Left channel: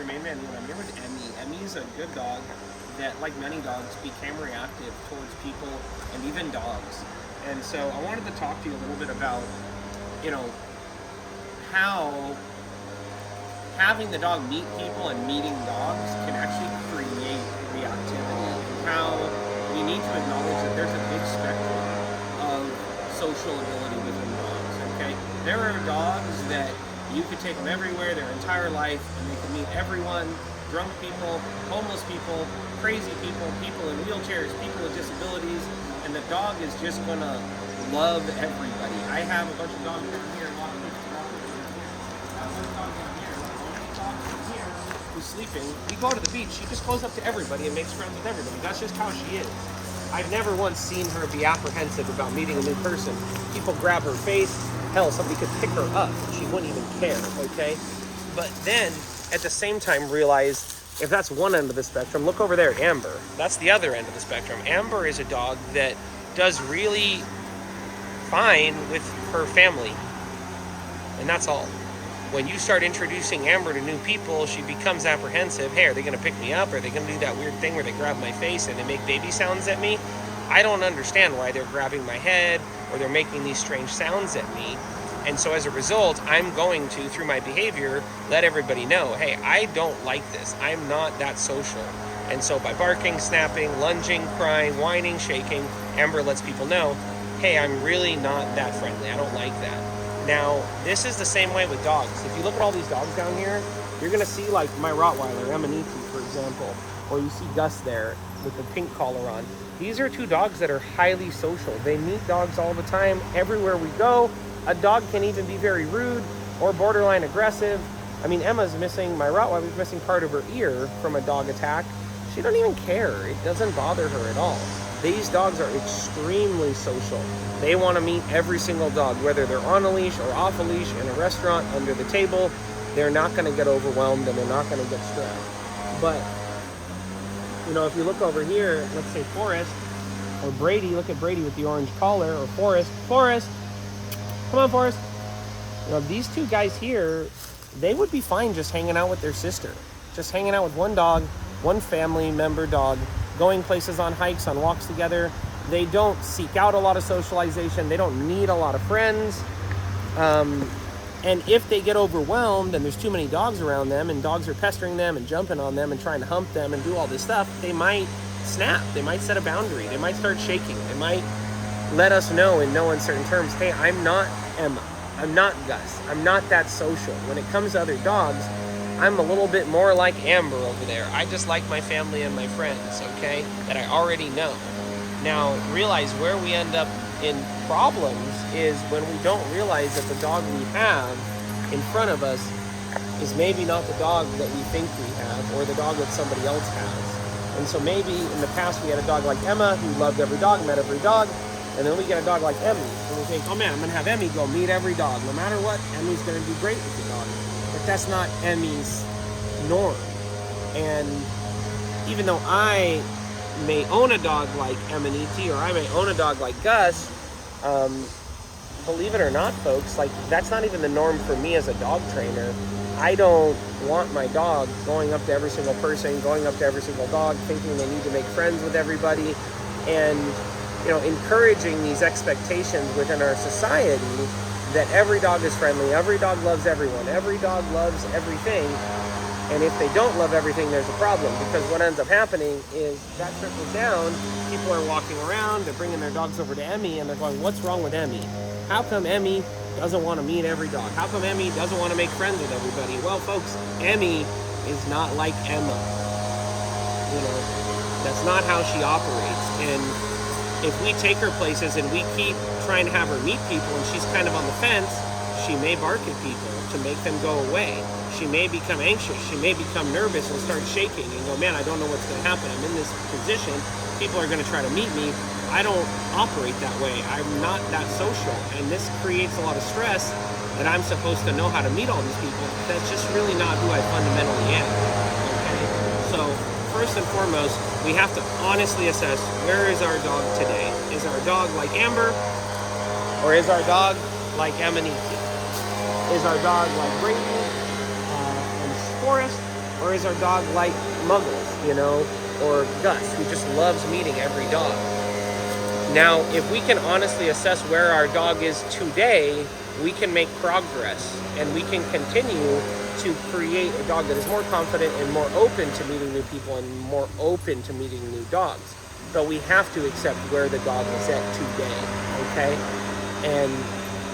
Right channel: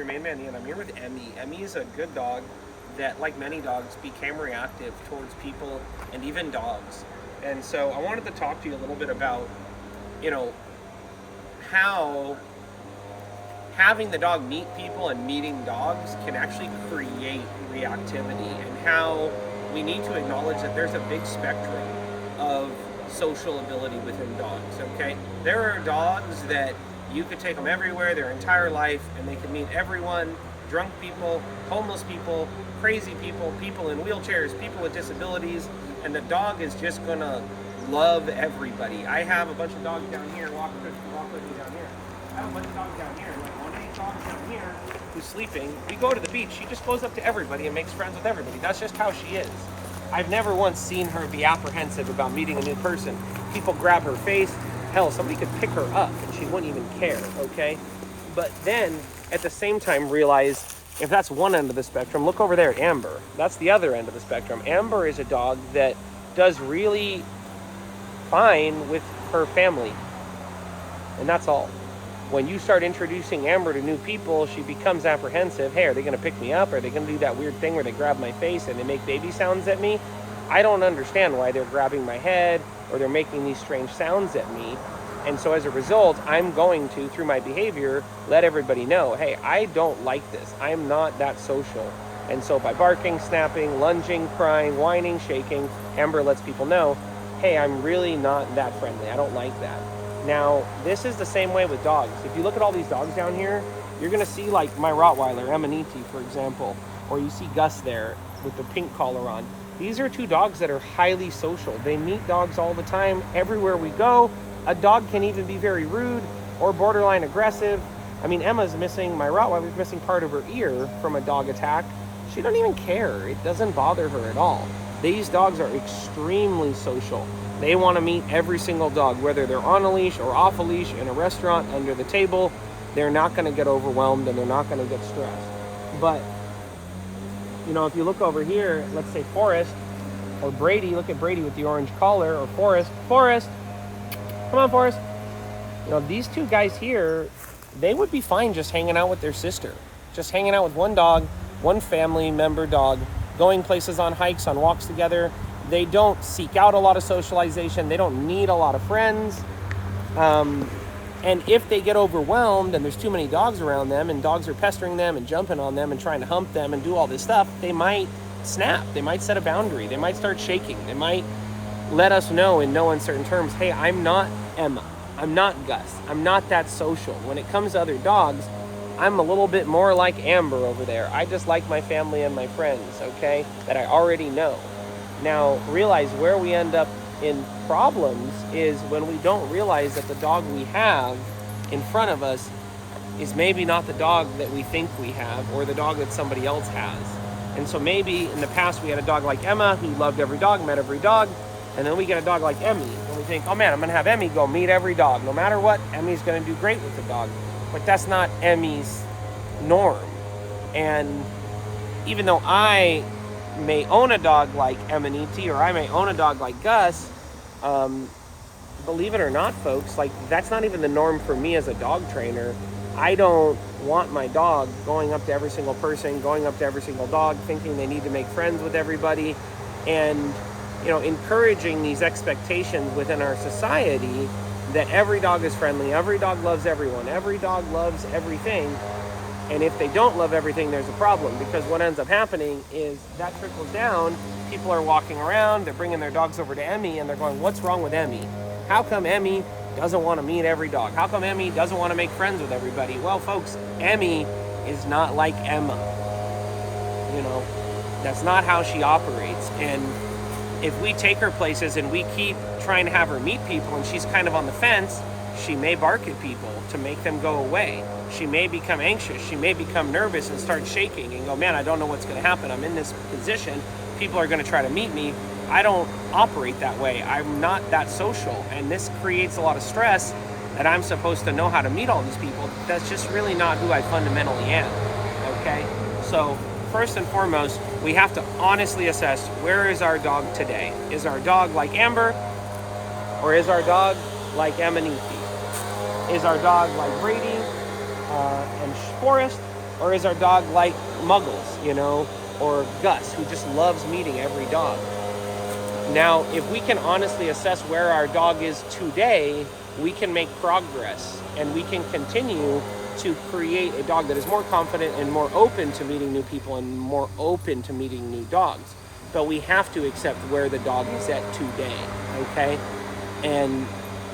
your main man, Ian. I'm here with Emmy. Emmy is a good dog that, like many dogs, became reactive towards people and even dogs. And so I wanted to talk to you a little bit about, you know, how having the dog meet people and meeting dogs can actually create reactivity, and how we need to acknowledge that there's a big spectrum of social ability within dogs, okay? There are dogs that you could take them everywhere their entire life and they can meet everyone, drunk people, homeless people, crazy people, people in wheelchairs, people with disabilities, and the dog is just gonna love everybody. I have a bunch of dogs down here, walk with me down here. I have a bunch of dogs down here, like one of these dogs down here who's sleeping. We go to the beach, she just goes up to everybody and makes friends with everybody. That's just how she is. I've never once seen her be apprehensive about meeting a new person. People grab her face, hell, somebody could pick her up and she wouldn't even care, okay? But then, at the same time, realize if that's one end of the spectrum, look over there, Amber. That's the other end of the spectrum. Amber is a dog that does really fine with her family, and that's all. When you start introducing Amber to new people, she becomes apprehensive. Hey, are they gonna pick me up? Are they gonna do that weird thing where they grab my face and they make baby sounds at me? I don't understand why they're grabbing my head or they're making these strange sounds at me. And so as a result, I'm going to, through my behavior, let everybody know, hey, I don't like this. I'm not that social. And so by barking, snapping, lunging, crying, whining, shaking, Amber lets people know, hey, I'm really not that friendly. I don't like that. Now, this is the same way with dogs. If you look at all these dogs down here, you're gonna see like my Rottweiler, Emaniti, for example, or you see Gus there with the pink collar on. These are two dogs that are highly social. They meet dogs all the time, everywhere we go. A dog can even be very rude or borderline aggressive. I mean, Emma's missing, my Rottweiler's missing part of her ear from a dog attack. She doesn't even care. It doesn't bother her at all. These dogs are extremely social. They want to meet every single dog, whether they're on a leash or off a leash, in a restaurant, under the table. They're not going to get overwhelmed and they're not going to get stressed. But, you know, if you look over here, let's say Forrest or Brady, look at Brady with the orange collar, or Forrest. Come on, Forrest. You know, these two guys here, they would be fine just hanging out with their sister. Just hanging out with one dog, one family member dog, going places on hikes, on walks together. They don't seek out a lot of socialization. They don't need a lot of friends. And if they get overwhelmed and there's too many dogs around them and dogs are pestering them and jumping on them and trying to hump them and do all this stuff, they might snap. They might set a boundary. They might start shaking. They might let us know in no uncertain terms, hey, I'm not Emma. I'm not Gus. I'm not that social. When it comes to other dogs, I'm a little bit more like Amber over there. I just like my family and my friends, okay, that I already know. Now, realize where we end up in problems is when we don't realize that the dog we have in front of us is maybe not the dog that we think we have, or the dog that somebody else has. And so maybe in the past we had a dog like Emma who loved every dog, met every dog, and then we get a dog like Emmy, and we think, oh man, I'm gonna have Emmy go meet every dog. No matter what, Emmy's gonna do great with the dog. But that's not Emmy's norm. And even though I may own a dog like Emaniti, or I may own a dog like Gus, believe it or not, folks, like that's not even the norm for me as a dog trainer. I don't want my dog going up to every single person, going up to every single dog, thinking they need to make friends with everybody, and you know, encouraging these expectations within our society that every dog is friendly, every dog loves everyone, every dog loves everything. And if they don't love everything, there's a problem, because what ends up happening is that trickles down. People are walking around, they're bringing their dogs over to Emmy, and they're going, what's wrong with Emmy? How come Emmy doesn't want to meet every dog? How come Emmy doesn't want to make friends with everybody? Well, folks, Emmy is not like Emma. You know, that's not how she operates. And if we take her places and we keep trying to have her meet people and she's kind of on the fence, she may bark at people to make them go away. She may become anxious. She may become nervous and start shaking and go, man, I don't know what's going to happen. I'm in this position. People are going to try to meet me. I don't operate that way. I'm not that social. And this creates a lot of stress that I'm supposed to know how to meet all these people. That's just really not who I fundamentally am. Okay? So first and foremost, we have to honestly assess, where is our dog today? Is our dog like Amber? Or is our dog like Emaniti? Is our dog like Brady and Forrest? Or is our dog like Muggles, you know, or Gus, who just loves meeting every dog? Now, if we can honestly assess where our dog is today, we can make progress, and we can continue to create a dog that is more confident and more open to meeting new people and more open to meeting new dogs. But we have to accept where the dog is at today, okay? And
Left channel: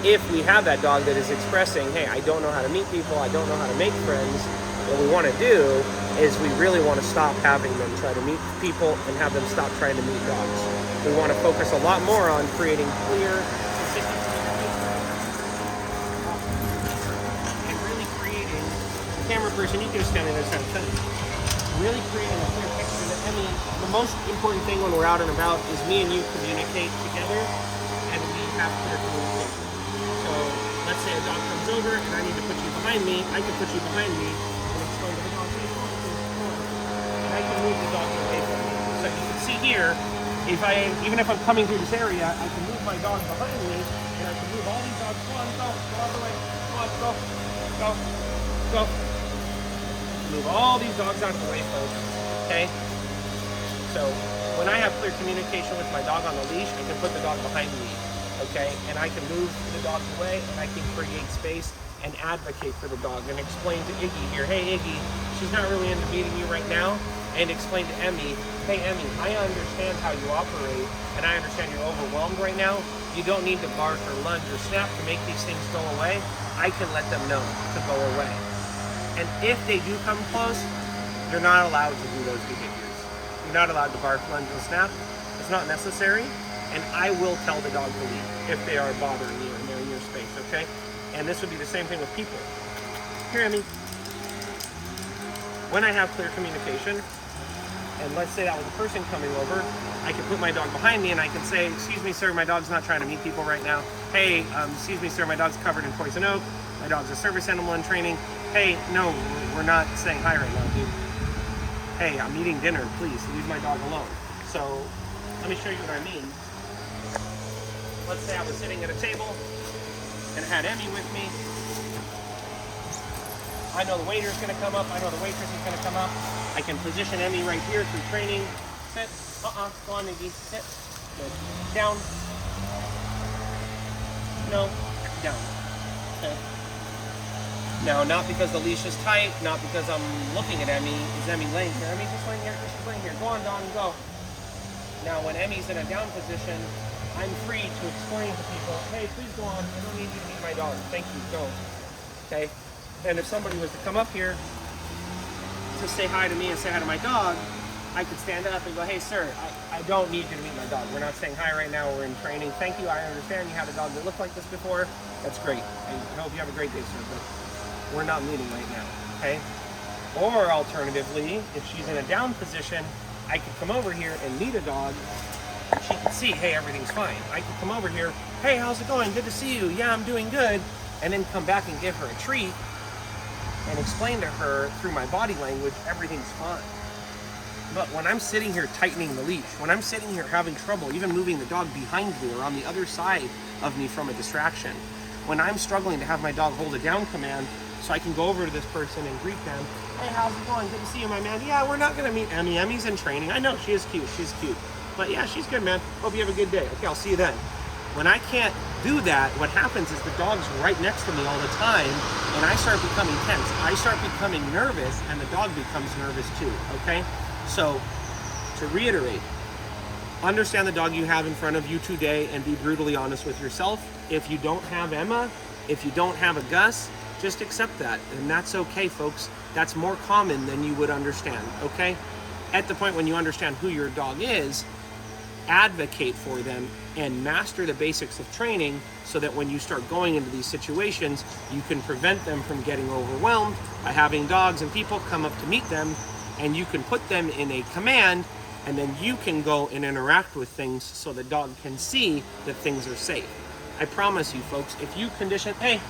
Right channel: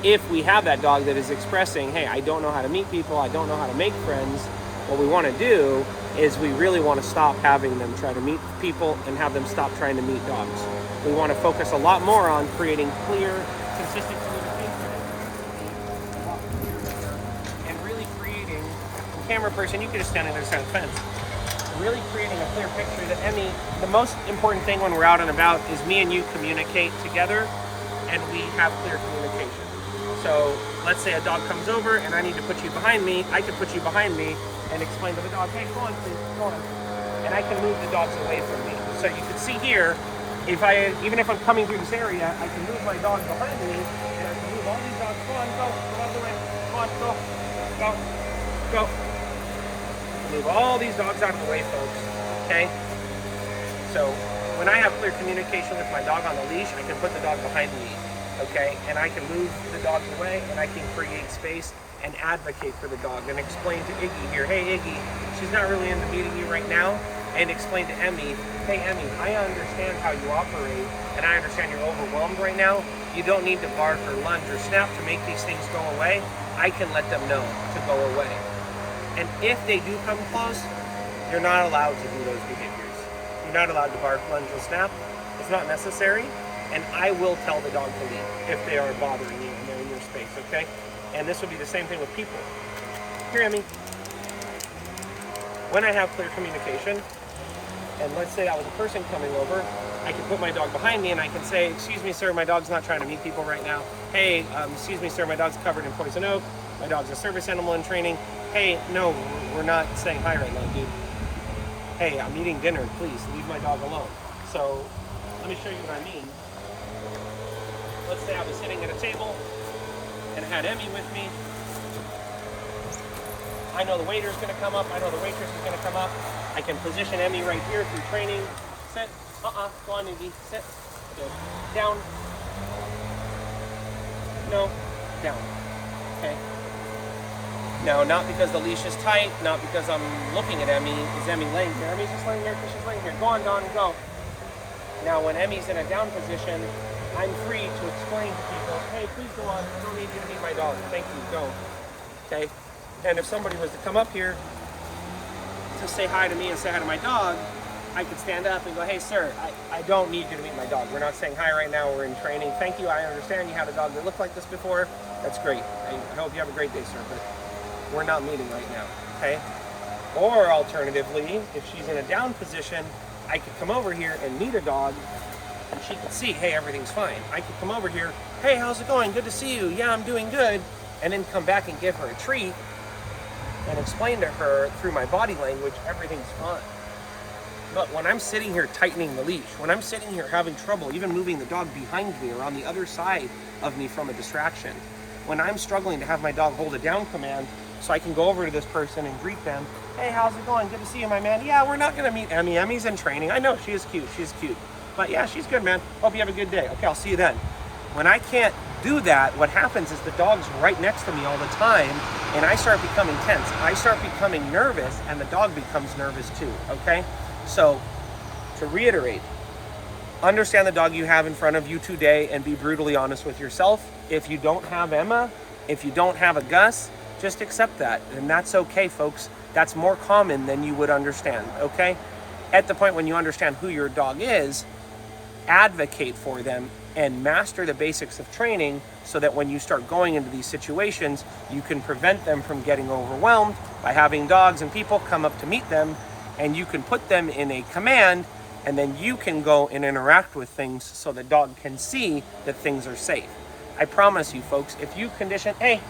if we have that dog that is expressing, hey, I don't know how to meet people, I don't know how to make friends, what we want to do is we really want to stop having them try to meet people and have them stop trying to meet dogs. We want to focus a lot more on creating clear, consistent communication and really creating, the camera person, you could just stand on the other side of the fence, really creating a clear picture that Emmy, the most important thing when we're out and about is me and you communicate together and we have clear communication. So let's say a dog comes over and I need to put you behind me, I can put you behind me and explain to the dog, hey, go on, please, go on. And I can move the dogs away from me. So you can see here, even if I'm coming through this area, I can move my dog behind me, and I can move all these dogs. Go on, go all the way. Go on, go. Move all these dogs out of the way, folks. Okay? So when I have clear communication with my dog on the leash, I can put the dog behind me. Okay? And I can move the dogs away, and I can create space and advocate for the dog and explain to Iggy here, hey Iggy, she's not really into meeting you right now, and explain to Emmy, hey Emmy, I understand how you operate and I understand you're overwhelmed right now. You don't need to bark or lunge or snap to make these things go away. I can let them know to go away. And if they do come close, you're not allowed to do those behaviors. You're not allowed to bark, lunge, or snap. It's not necessary, and I will tell the dog to leave if they are bothering you and they're in your space, okay? And this would be the same thing with people. Here, Emmy. When I have clear communication, and let's say that was a person coming over, I can put my dog behind me and I can say, excuse me, sir, my dog's not trying to meet people right now. Hey, excuse me, sir, my dog's covered in poison oak. My dog's a service animal in training. Hey, no, we're not saying hi right now, dude. Hey, I'm eating dinner, please, leave my dog alone. So, let me show you what I mean. Let's say I was sitting at a table and had Emmy with me. I know the waiter's gonna come up, I know the waitress is gonna come up. I can position Emmy right here through training. Sit, go on, Iggy, sit. Good. Down. No, down, okay. Now, not because the leash is tight, not because I'm looking at Emmy. Is Emmy laying here? Emmy's just laying here because she's laying here. Go on, Dawn, go. Now, when Emmy's in a down position, I'm free to explain to people, hey, please go on. I don't need you to meet my dog. Thank you, go. Okay? And if somebody was to come up here to say hi to me and say hi to my dog, I could stand up and go, hey, sir, I don't need you to meet my dog. We're not saying hi right now. We're in training. Thank you. I understand you had a dog that looked like this before. That's great. I hope you have a great day, sir, but we're not meeting right now, okay? Or alternatively, if she's in a down position, I could come over here and meet a dog and she could see, hey, everything's fine. I could come over here, hey, how's it going? Good to see you. Yeah, I'm doing good. And then come back and give her a treat and explain to her through my body language, everything's fine. But when I'm sitting here tightening the leash, when I'm sitting here having trouble even moving the dog behind me or on the other side of me from a distraction, when I'm struggling to have my dog hold a down command so I can go over to this person and greet them, hey, how's it going? Good to see you, my man. Yeah, we're not gonna meet Emmy. Emmy's in training. I know, she is cute, she's cute. But yeah, she's good, man. Hope you have a good day. Okay, I'll see you then. When I can't do that, what happens is the dog's right next to me all the time, and I start becoming tense. I start becoming nervous, and the dog becomes nervous too, okay? So, to reiterate, understand the dog you have in front of you today and be brutally honest with yourself. If you don't have Emma, if you don't have a Gus, just accept that, and that's okay, folks. That's more common than you would understand, okay? At the point when you understand who your dog is, advocate for them and master the basics of training so that when you start going into these situations, you can prevent them from getting overwhelmed by having dogs and people come up to meet them, and you can put them in a command, and then you can go and interact with things so the dog can see that things are safe. I promise you, folks, if you condition, hey,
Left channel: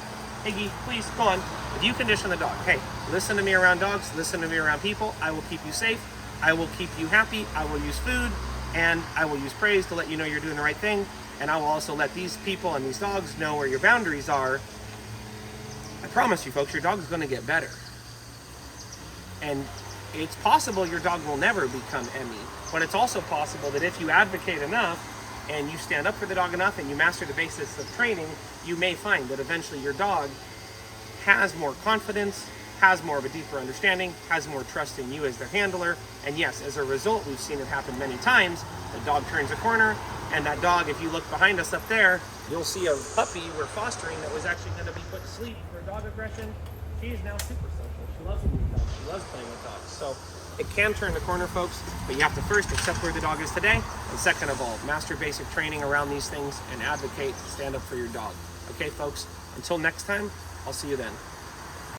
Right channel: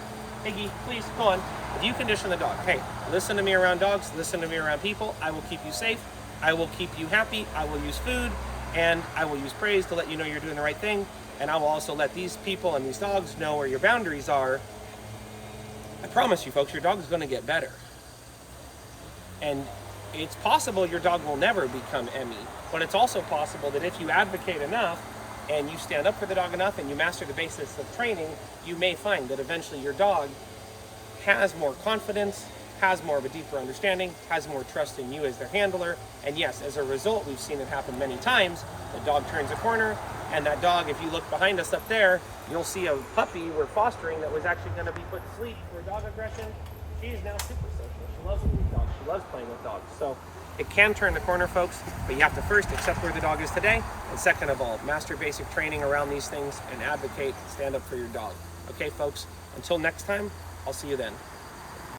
Iggy, please, go on. If you condition the dog, hey, listen to me around dogs, listen to me around people, I will keep you safe, I will keep you happy, I will use food, and I will use praise to let you know you're doing the right thing, and I will also let these people and these dogs know where your boundaries are. I promise you, folks, your dog is going to get better. And it's possible your dog will never become Emmy, but it's also possible that if you advocate enough and you stand up for the dog enough and you master the basics of training, you may find that eventually your dog has more confidence, has more of a deeper understanding, has more trust in you as their handler. And yes, as a result, we've seen it happen many times. The dog turns a corner, and that dog, if you look behind us up there, you'll see a puppy we're fostering that was actually going to be put to sleep for dog aggression. She's now super social. She loves being with dogs. She loves playing with dogs. So it can turn the corner, folks, but you have to first accept where the dog is today, and second of all, master basic training around these things and advocate, stand up for your dog. Okay, folks, until next time, I'll see you then.